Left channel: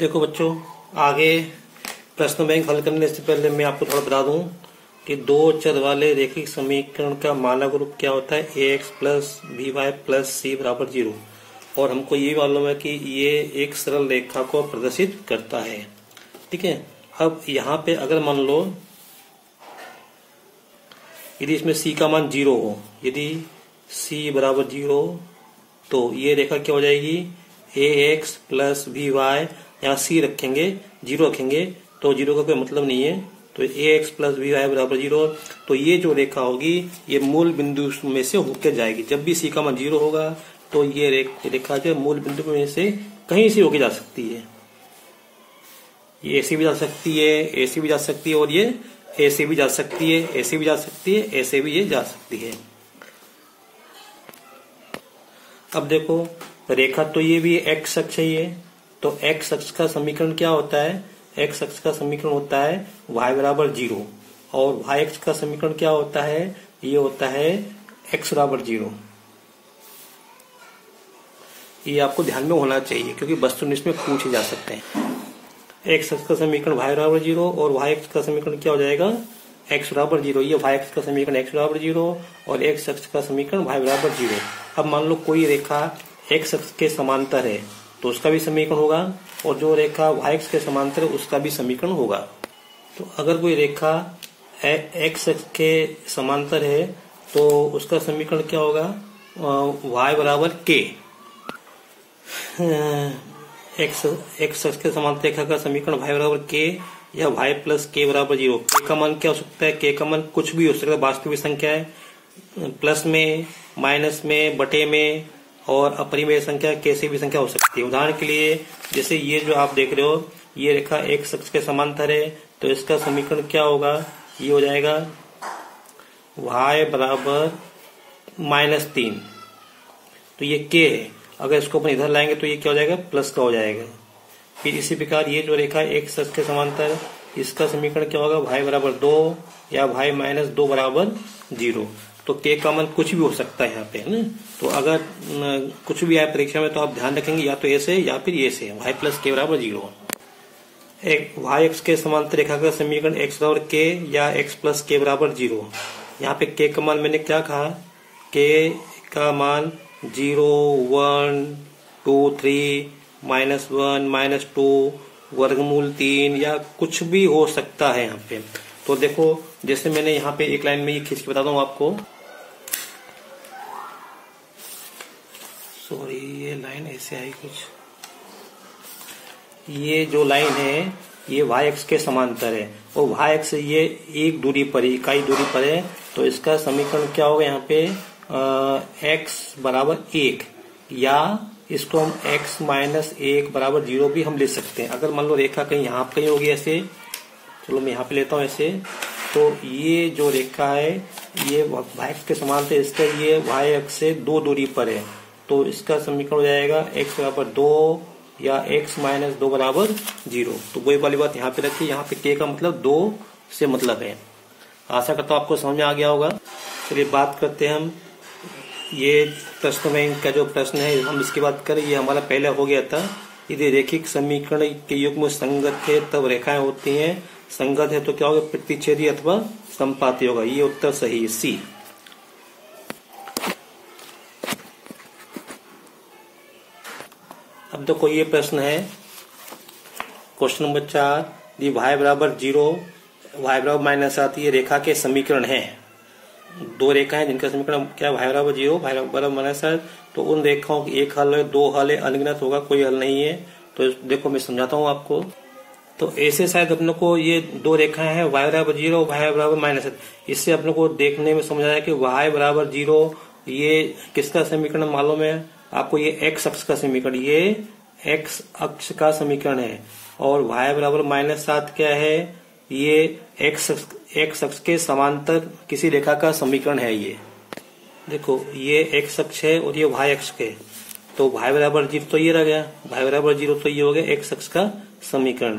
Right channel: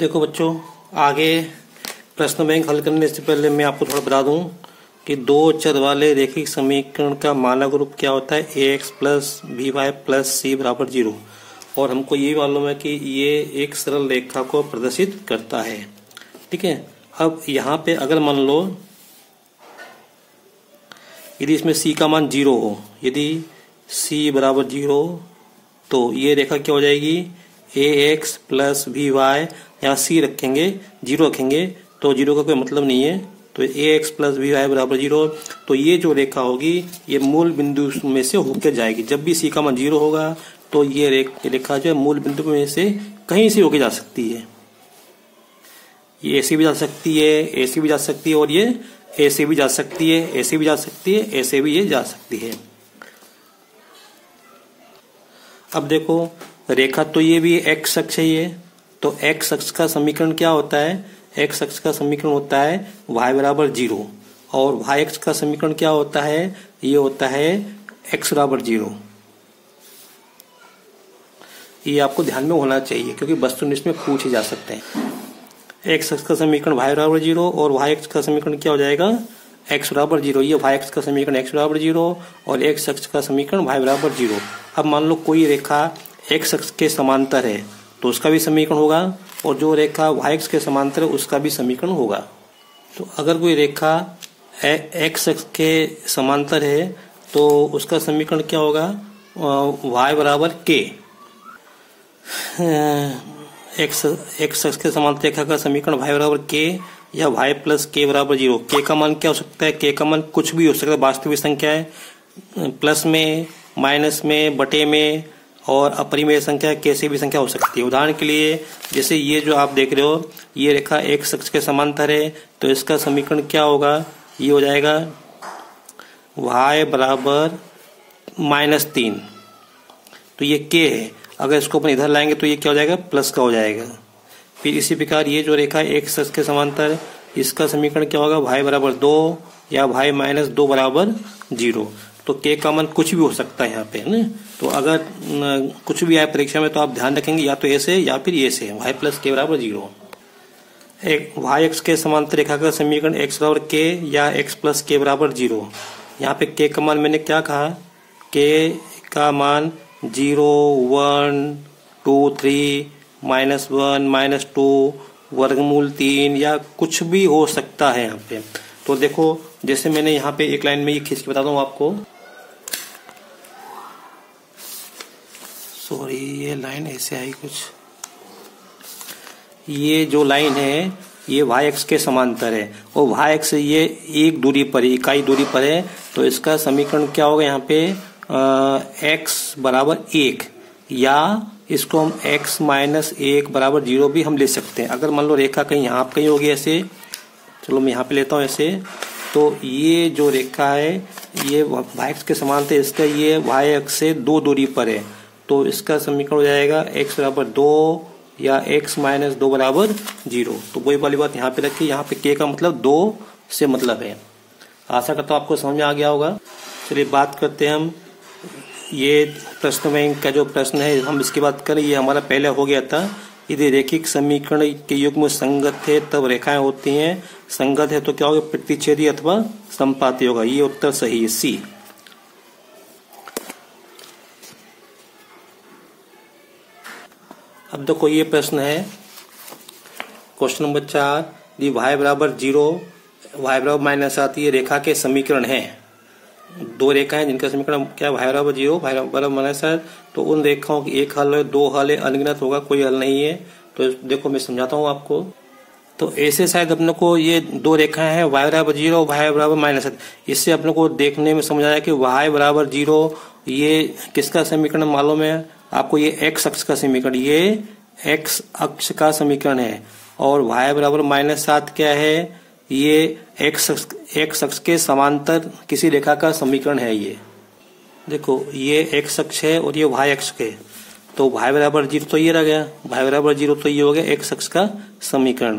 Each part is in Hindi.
देखो बच्चों, आगे प्रश्न बैंक हल करने से पहले मैं आपको थोड़ा बता दूं कि दो चर वाले रैखिक समीकरण का मानक रूप क्या होता है, ax plus B Y plus C बराबर 0। और हमको ये मालूम है कि ये एक सरल रेखा को प्रदर्शित करता है। ठीक है, अब यहाँ पे अगर मान लो यदि इसमें c का मान 0 हो, यदि c बराबर 0 तो ये रेखा क्या हो जाएगी, ax प्लस बी वाई, यहाँ c रखेंगे 0 रखेंगे तो 0 का कोई मतलब नहीं है, तो ax प्लस बी वाई बराबर 0। तो ये जो रेखा होगी ये मूल बिंदु में से होकर जाएगी। जब भी c का मान 0 होगा तो ये रेखा जो है मूल बिंदु में से कहीं से होकर जा सकती है। ये ऐसे भी जा सकती है, ऐसे भी जा सकती है, और ये ऐसे भी जा सकती है, ऐसे भी जा सकती है, ऐसे भी ये जा सकती है। अब देखो, रेखा तो ये भी x अक्ष है ये, तो x अक्ष का समीकरण क्या होता है, x अक्ष का समीकरण होता है y बराबर 0, और y अक्ष का समीकरण क्या होता है, ये होता है x बराबर 0। ये आपको ध्यान में होना चाहिए क्योंकि वस्तुनिष्ठ में पूछे जा सकते हैं। x अक्ष का समीकरण y बराबर 0 और y अक्ष का समीकरण क्या हो जाएगा, x बराबर 0। ये y अक्ष का समीकरण x बराबर 0 और x अक्ष का समीकरण y बराबर 0। अब मान लो कोई रेखा x अक्ष के समांतर है तो उसका भी समीकरण होगा, और जो रेखा y अक्ष के समांतर है उसका भी समीकरण होगा। तो अगर कोई रेखा x अक्ष के समांतर है तो उसका समीकरण क्या होगा, y बराबर k। x अक्ष के समांतर रेखा का समीकरण y बराबर k या y प्लस k बराबर 0। k का मान क्या हो सकता है, k का मान कुछ भी हो सकता है, वास्तविक संख्या है, प्लस में, माइनस में, बटे में, और अपरिमेय संख्या कैसे भी संख्या हो सकती है। उदाहरण के लिए जैसे ये जो आप देख रहे हो ये रेखा x अक्ष के समांतर है तो इसका समीकरण क्या होगा, ये हो जाएगा y बराबर -3। तो ये k है, अगर इसको अपन इधर लाएंगे तो ये क्या हो जाएगा, प्लस का हो जाएगा। फिर इसी प्रकार ये जो रेखा x अक्ष के समांतर, इसका समीकरण क्या होगा, y बराबर 2 या y -2 बराबर 0। तो k का मान कुछ भी हो सकता है यहाँ पे, है ना। तो अगर कुछ भी आए परीक्षा में तो आप ध्यान रखेंगे या तो ऐसे या फिर ऐसे, y प्लस k बराबर 0। y अक्ष के समांतर रेखा का समीकरण x बराबर k या x प्लस k बराबर 0। यहाँ पे k का मान मैंने क्या कहा, k का मान 0, 1, 2, 3, -1, -2, वर्गमूल 3 या कुछ भी हो सकता है यहाँ पे। तो देखो जैसे मैंने यहाँ पे एक लाइन में ये खींच के बताता हूँ आपको, सॉरी ये लाइन ऐसे आई कुछ, ये जो लाइन है ये y अक्ष के समांतर है और y अक्ष ये एक दूरी पर है, इकाई दूरी पर है, तो इसका समीकरण क्या होगा यहाँ पे, x बराबर 1, या इसको हम x -1 बराबर 0 भी हम ले सकते हैं। अगर मान लो रेखा कहीं यहाँ कहीं होगी ऐसे, चलो मैं यहाँ पे लेता हूँ ऐसे, तो ये जो रेखा है ये y अक्ष के समांतर, इसका ये y अक्ष से 2 दूरी पर है, तो इसका समीकरण हो जाएगा x बराबर 2 या x -2 बराबर 0। तो वही वाली बात यहाँ पे रखी, यहाँ पे k का मतलब 2 से मतलब है। आशा करता हूँ आपको समझ में आ गया होगा। चलिए बात करते हैं हम, ये प्रश्न बैंक का जो प्रश्न है हम इसकी बात करें, ये हमारा पहले हो गया था। यदि रैखिक समीकरण के युग्म संगत है तब रेखाएं होती हैं, संगत है तो क्या होगा, प्रतिच्छेदी अथवा संपाती होगा। ये उत्तर सही है, सी। अब देखो ये प्रश्न है, क्वेश्चन नंबर 4, यदि y बराबर 0, y बराबर -7 ये रेखा के समीकरण है। दो रेखाएं जिनका समीकरण क्या है, y बराबर 0, y बराबर -7, तो उन रेखाओं की एक हल है, दो हल है, अनगिनत होगा, कोई हल नहीं है। तो देखो मैं समझाता हूँ आपको। तो ऐसे शायद अपने को ये दो रेखाएं हैं, y बराबर 0, y बराबर -7, इससे अपने को देखने में समझ आया कि y बराबर 0 ये किसका समीकरण मालूम है आपको, ये x अक्ष का समीकरण, ये x अक्ष का समीकरण है, और y बराबर -7 क्या है, ये x अक्ष के समांतर किसी रेखा का समीकरण है। ये देखो ये x अक्ष है और ये y अक्ष के, तो y बराबर 0 तो ये रह गया, y बराबर 0 तो ये हो गया x अक्ष का समीकरण,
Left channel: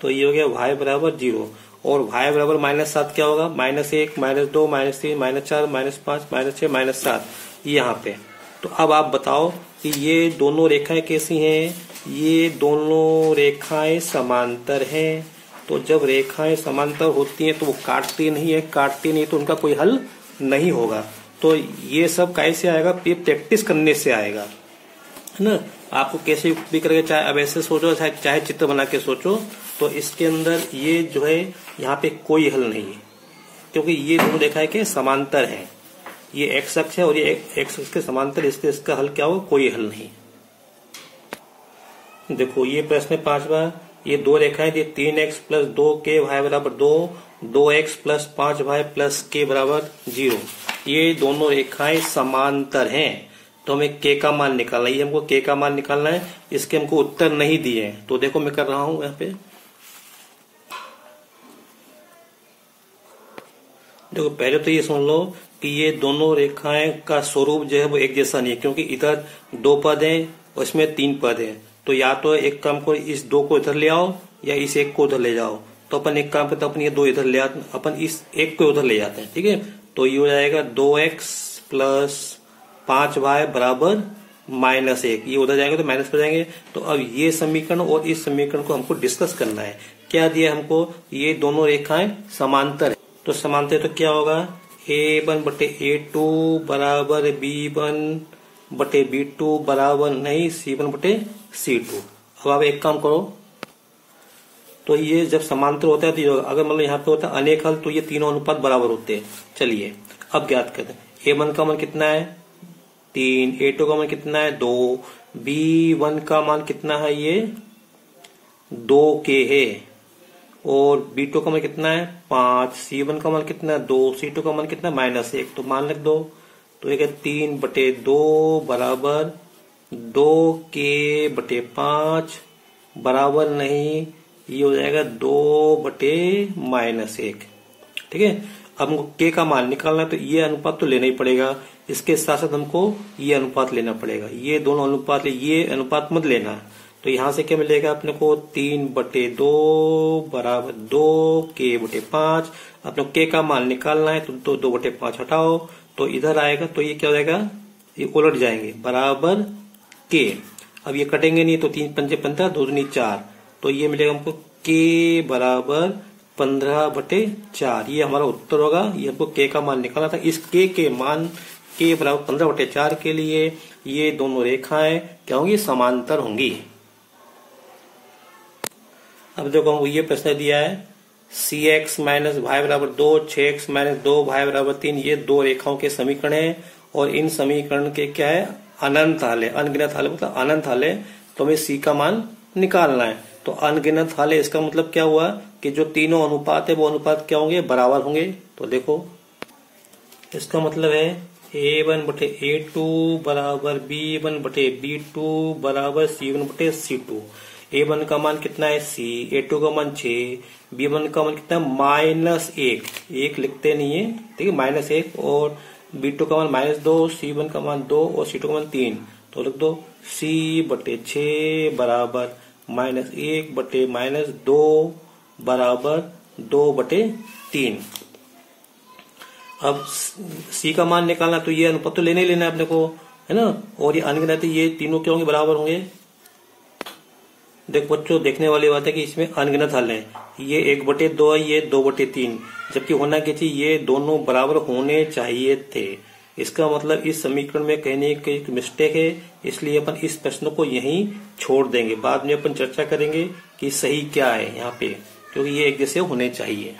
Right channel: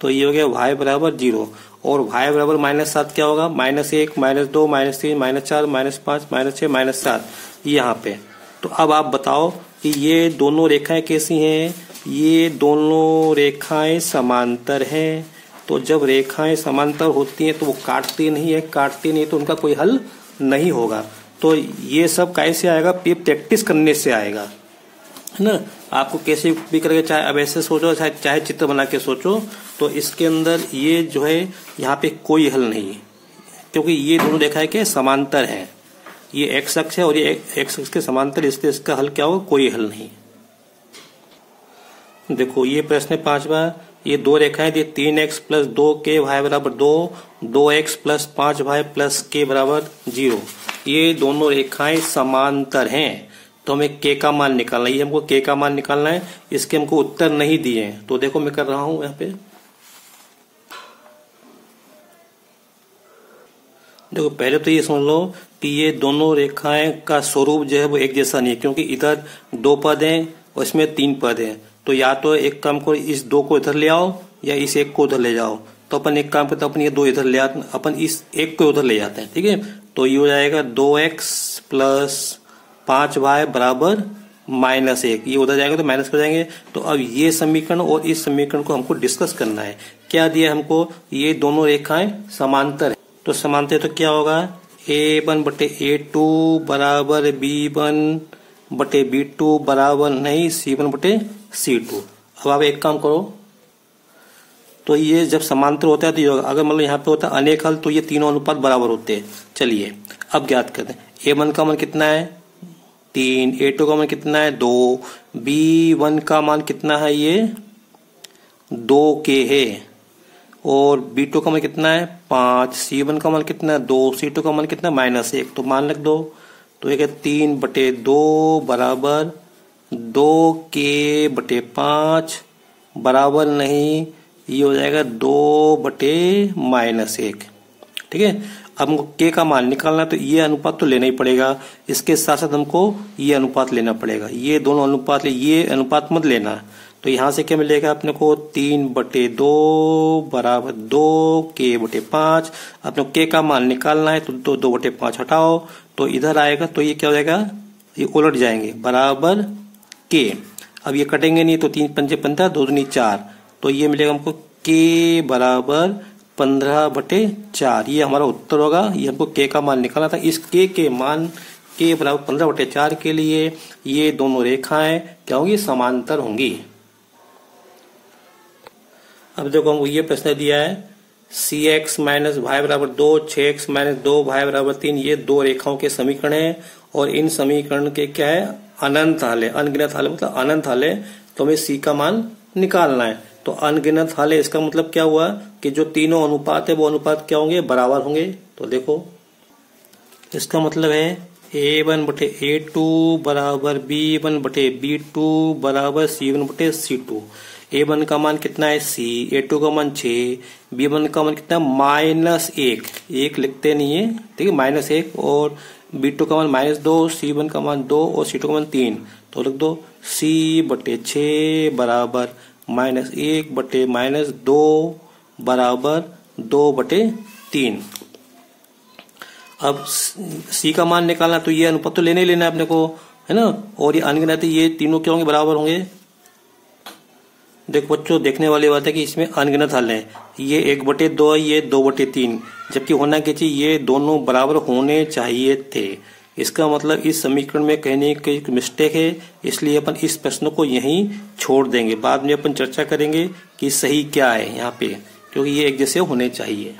तो ये हो गया y बराबर 0, और y बराबर -7 क्या होगा, -1, -2, -3, -4, -5, -6, -7, ये यहाँ पे तो अब आप बताओ कि ये दोनों रेखाएं कैसी हैं? ये दोनों रेखाएं समांतर हैं। तो जब रेखाएं समांतर होती हैं तो वो काटती नहीं है, काटती नहीं तो उनका कोई हल नहीं होगा। तो ये सब कैसे आएगा? ये प्रैक्टिस करने से आएगा, है ना। आपको कैसे भी करके, चाहे अब ऐसे सोचो, चाहे चित्र बना के सोचो, तो इसके अंदर ये जो है यहाँ पे कोई हल नहीं है, क्योंकि ये दोनों रेखाएं के समांतर हैं। ये एक्स अक्ष है और ये एक्स अक्ष के समांतर, इसलिए इसका हल क्या होगा? कोई हल नहीं। देखो ये प्रश्न 5वां, ये दो रेखाएं दी, 3x प्लस 2k y बराबर 2, 2x plus 5y plus k बराबर 0। ये दोनों रेखाएं समांतर हैं, तो हमें k का मान निकालना है। हमको k का मान निकालना है, इसके हमको उत्तर नहीं दिए हैं। तो देखो मैं कर रहा हूं यहाँ पे, देखो पहले तो ये सुन लो कि ये दोनों रेखाएं का स्वरूप जो है वो एक जैसा नहीं है, क्योंकि इधर 2 पद हैं और इसमें 3 पद हैं। तो या तो एक काम को, इस 2 को इधर ले आओ या इस 1 को उधर ले जाओ। तो अपन एक काम करते हैं, अपन ये 2 इधर ले आते, अपन इस 1 को उधर ले जाते हैं, ठीक है। तो ये हो जाएगा 2x प्लस 5y बराबर -1, ये उधर जाएगा तो माइनस हो जाएंगे। तो अब ये समीकरण और इस समीकरण को हमको डिस्कस करना है। क्या दिया हमको? ये दोनों रेखाएं समांतर है, तो समांतर तो क्या होगा? A1 बटे A2 बराबर B1 बटे B2 बराबर नहीं C1 बटे C2। अब आप एक काम करो, तो ये जब समांतर होता है तो ये होगा। अगर मतलब यहाँ पे होता है अनेक हल, तो ये तीनों अनुपात बराबर होते हैं। चलिए अब ज्ञात करते हैं। A1 का मान कितना है? 3, A2 का मान कितना है? 2, B1 का मान कितना है? ये 2k है, और B2 का मान कितना है? 5, C1 का मान कितना है? 2, C2 का मान कितना है? -1। तो मान रख दो, तो ये 3 बटे 2 बराबर 2k बटे 5 बराबर नहीं, ये हो जाएगा 2 बटे -1, ठीक है। अब हमको k का मान निकालना है, तो ये अनुपात तो लेना ही पड़ेगा, इसके साथ साथ हमको ये अनुपात लेना पड़ेगा। ये दोनों अनुपात ले, ये अनुपात मत लेना। तो यहां से क्या मिलेगा अपने को? 3 बटे 2 बराबर 2k बटे 5। अपने k का मान निकालना है, तो 2 बटे 5 हटाओ, तो इधर आएगा, तो ये क्या हो जाएगा? ये उलट जाएंगे, बराबर k। अब ये कटेंगे नहीं, तो 3 पंजे 15, 2 दूनी 4, तो ये मिलेगा हमको k बराबर 15 बटे 4। ये हमारा उत्तर होगा। ये हमको k का मान निकालना था। इस k के मान k बराबर 15 बटे 4 के लिए ये दोनों रेखाएं क्या होंगी? समांतर होंगी। अब देखो हमको ये प्रश्न दिया है, cx माइनस वाई बराबर 2, 6x माइनस 2 वाई बराबर 3, ये दो रेखाओं के समीकरण है, और इन समीकरण के क्या है? अनंत हल है। अनगिनत हल मतलब अनंत हल है, तो हमें c का मान निकालना है। तो अनगिनत हल है, इसका मतलब क्या हुआ कि जो तीनों अनुपात है वो अनुपात क्या होंगे? बराबर होंगे। तो देखो इसका मतलब है A1 बटे A2 बराबर B1 बटे B2 बराबर C1 बटे C2। A1 का मान कितना है? C, A2 का मान 6, B1 का मान कितना? -1, 1 लिखते नहीं है, ठीक है, -1, और B2 का मान -2, C1 का मान 2 और C2 का मान 3। तो लिख दो C बटे 6 बराबर -1 बटे -2 बराबर 2 बटे 3। अब C का मान निकालना, तो ये अनुपात तो लेने ही लेना है अपने को, है ना। और ये अनगिनत, ये तीनों क्या होंगे? बराबर होंगे। देखो बच्चों, देखने वाली बात है कि इसमें अनगिनत हल है। ये 1 बटे 2 है, ये 2 बटे 3, जबकि होना क्या चाहिए? ये दोनों बराबर होने चाहिए थे। इसका मतलब इस समीकरण में कहने की एक मिस्टेक है, इसलिए अपन इस प्रश्न को यहीं छोड़ देंगे। बाद में अपन चर्चा करेंगे कि सही क्या है यहाँ पे, क्योंकि ये एक जैसे होने चाहिए।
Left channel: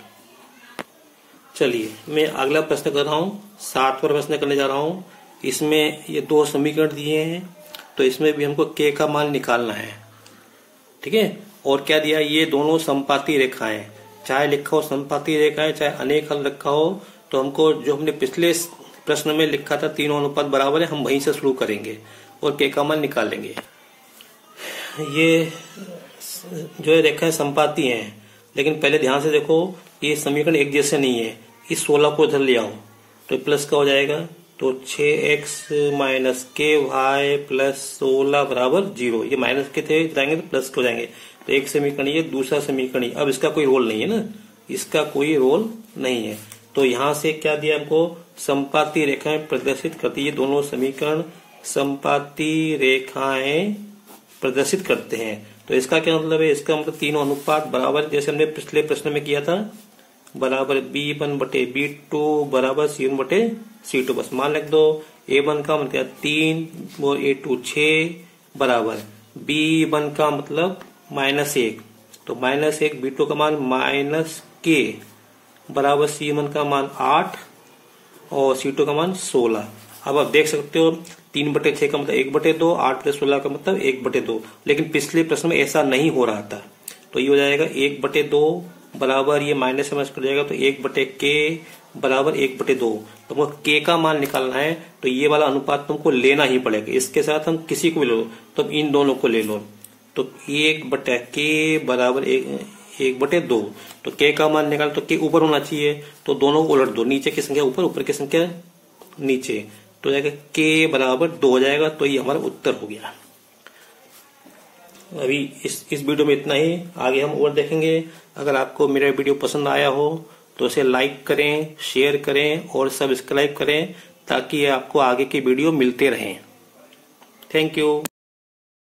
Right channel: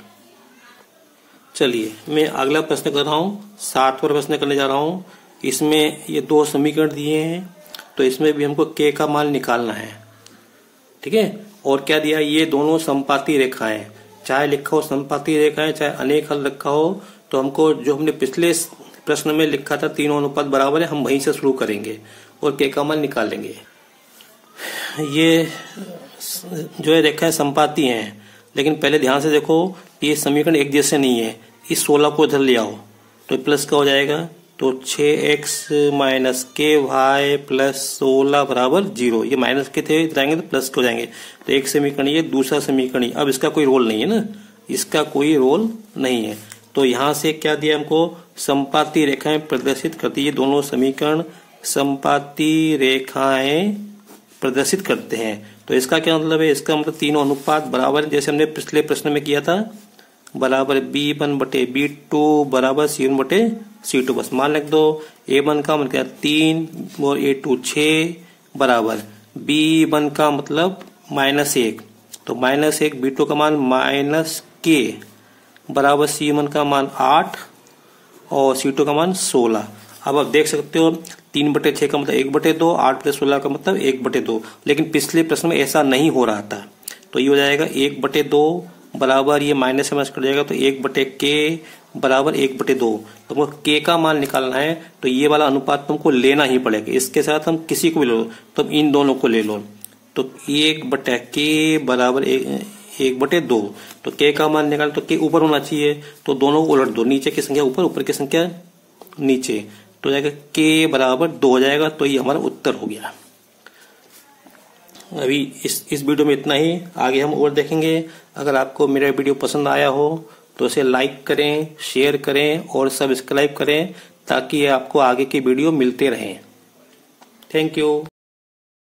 चलिए मैं अगला प्रश्न कर रहा हूँ, 7वां प्रश्न करने जा रहा हूँ। इसमें ये दो समीकरण दिए हैं, तो इसमें भी हमको k का मान निकालना है, ठीक है। और क्या दिया? ये दोनों समपाती रेखाएं, चाहे लिखा हो समपाती रेखाएं चाहे अनेक हल रखा हो, तो हमको जो हमने पिछले प्रश्न में लिखा था तीनों अनुपात बराबर है, हम वहीं से शुरू करेंगे और k का मान निकालेंगे। ये जो है रेखाएं समपाती हैं, लेकिन पहले ध्यान से देखो, ये समीकरण एक जैसे नहीं है। इस 16 को इधर ले आओ, तो प्लस का हो जाएगा, तो 6x माइनस के वाई प्लस 16 बराबर 0। ये माइनस के थे, जाएंगे तो प्लस के हो जाएंगे। तो एक समीकरण ये, दूसरा समीकरण। अब इसका कोई रोल नहीं है ना, इसका कोई रोल नहीं है। तो यहां से क्या दिया हमको? समपाती रेखाएं प्रदर्शित करती है दोनों समीकरण समपाती रेखाएं प्रदर्शित करते हैं। तो इसका क्या मतलब है? इसका मतलब तीनों अनुपात बराबर, जैसे हमने पिछले प्रश्न में किया था, बराबर B1 बटे B2 बराबर C1 बटे C2। बस मान लिख दो। A1 का मान क्या 3 और A2 6 बराबर B1 का मतलब -1, तो -1, B2 का मान -K बराबर C1 का मान 8 और C2 का मान 16। अब आप देख सकते हो 3/6 का मतलब 1/2, 8+16 का मतलब 1/2, लेकिन पिछले प्रश्न में ऐसा नहीं हो रहा था। तो ये हो जाएगा 1/2 बराबर, ये माइनस से माइनस कट जाएगा, तो 1/K बराबर 1/2। तुमको K का मान निकालना है तो ये वाला अनुपात तुमको लेना ही पड़ेगा। इसके साथ हम किसी को भी लो, तुम इन दोनों को ले लो, तो 1/K बराबर 1/2। तो K का मान निकाल तो K ऊपर होना चाहिए, तो दोनों को उलट दो, नीचे की संख्या ऊपर, ऊपर की संख्या नीचे, तो जाएगा K बराबर 2 हो जाएगा। तो ये हमारा उत्तर हो गया। अभी इस वीडियो में इतना ही, आगे हम और देखेंगे। अगर आपको मेरा वीडियो पसंद आया हो तो इसे लाइक करें, शेयर करें और सब्सक्राइब करें, ताकि आपको आगे की वीडियो मिलते रहें। Thank you.